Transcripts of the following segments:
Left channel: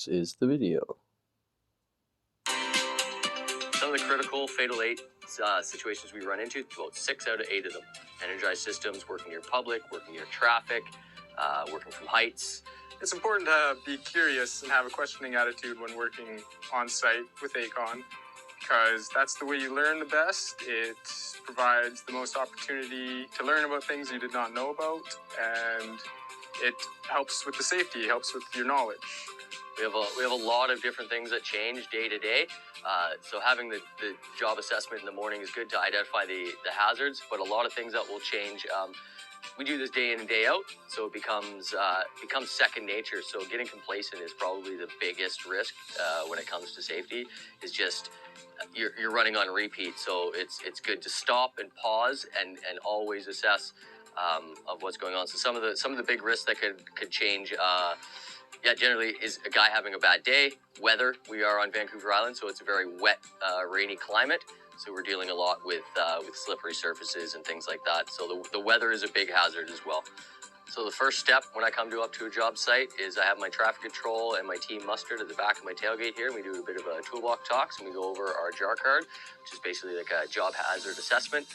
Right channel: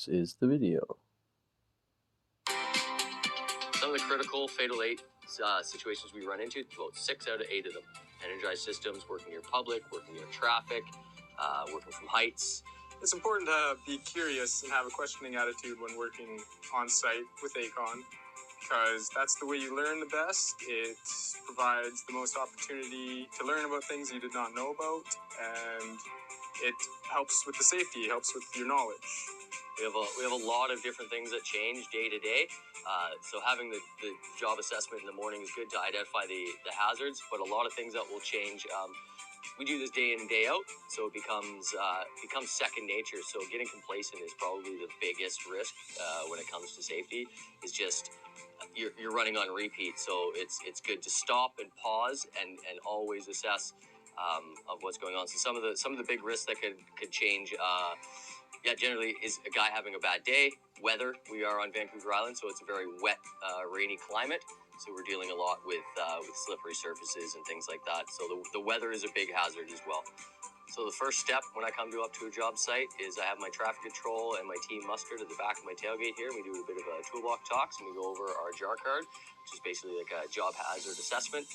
This is the video. Some of the critical fatal situations we run into, about 6 out of 8 of them. Energized systems, working near public, working near traffic, working from heights. It's important to be curious and have a questioning attitude when working on site with ACON, because that's the way you learn the best. It provides the most opportunity to learn about things you did not know about, and it helps with the safety, helps with your knowledge. We have a lot of different things that change day to day. So having the job assessment in the morning is good to identify the hazards, but a lot of things that will change. We do this day in and day out, so it becomes second nature. So getting complacent is probably the biggest risk when it comes to safety. Is just you're running on repeat. So it's good to stop and pause and always assess of what's going on. So some of the big risks that could change. Generally is a guy having a bad day. Weather. We are on Vancouver Island, so it's a very wet, rainy climate. So we're dealing a lot with slippery surfaces and things like that. So the weather is a big hazard as well. So the first step when I come up to a job site is I have my traffic control and my team mustered at the back of my tailgate here. We do a bit of a toolbox talks and we go over our JAR card, which is basically like a job hazard assessment.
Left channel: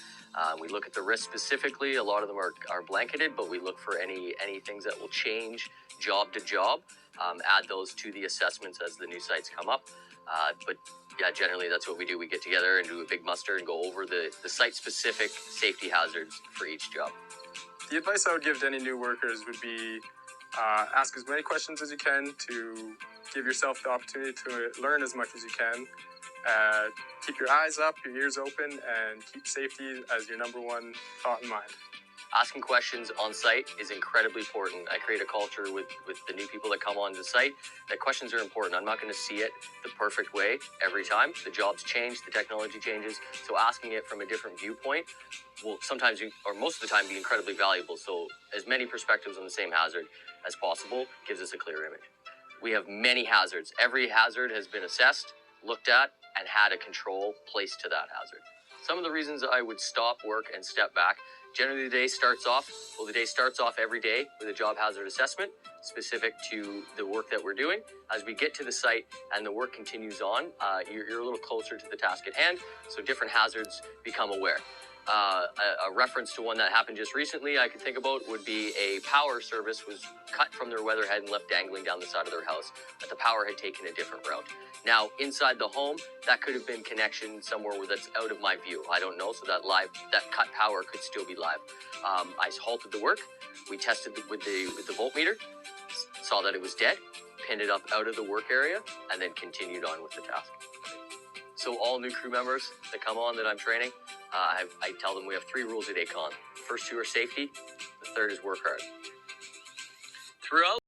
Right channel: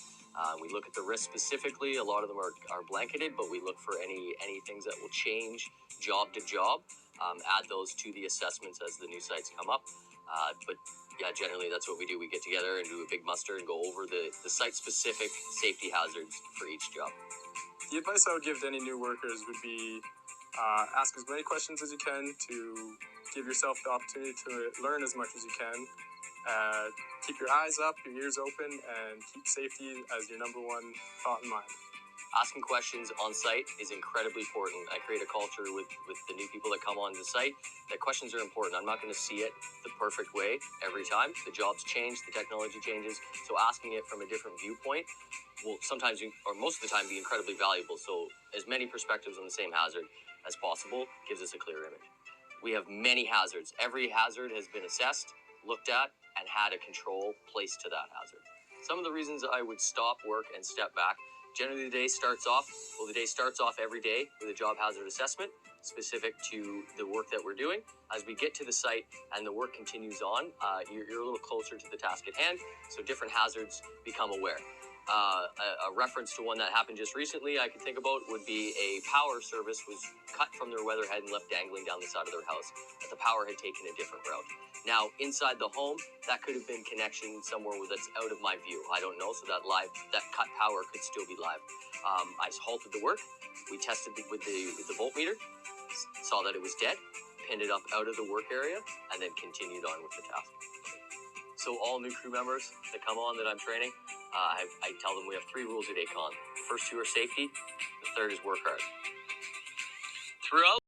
We look at the risks specifically. A lot of them are blanketed, but we look for any things that will change job to job. Add those to the assessments as the new sites come up. But yeah, generally that's what we do. We get together and do a big muster and go over the site-specific safety hazards for each job. The advice I would give to any new workers would be ask as many questions as you can to give yourself the opportunity to learn as much as you can. Keep your eyes up, your ears open, and keep safety as your number one thought in mind. Asking questions on site is incredibly important. I create a culture with the new people that come onto the site that questions are important. I'm not going to see it the perfect way every time. The jobs change, the technology changes. So asking it from a different viewpoint will sometimes, or most of the time, be incredibly valuable. So as many perspectives on the same hazard as possible gives us a clear image. We have many hazards. Every hazard has been assessed, looked at, and had a control placed to that hazard. Some of the reasons I would stop work and step back. Generally, the day starts off every day with a job hazard assessment specific to the work that we're doing. As we get to the site and the work continues on, you're a little closer to the task at hand, so different hazards become aware. A reference to one that happened just recently I could think about would be a power service was cut from their weatherhead and left dangling down the side of their house, but the power had taken a different route. Now, inside the home, that could have been connection somewhere that's out of my view. I don't know, so that cut power could still be live. I halted the work. We tested with the voltmeter, saw that it was dead, pinned it up out of the work area, and then continued on with the task. So all new crew members that come on that I'm training, I tell them we have 3 rules at ACON. The first 2 are safety. The third is work hard. Throughout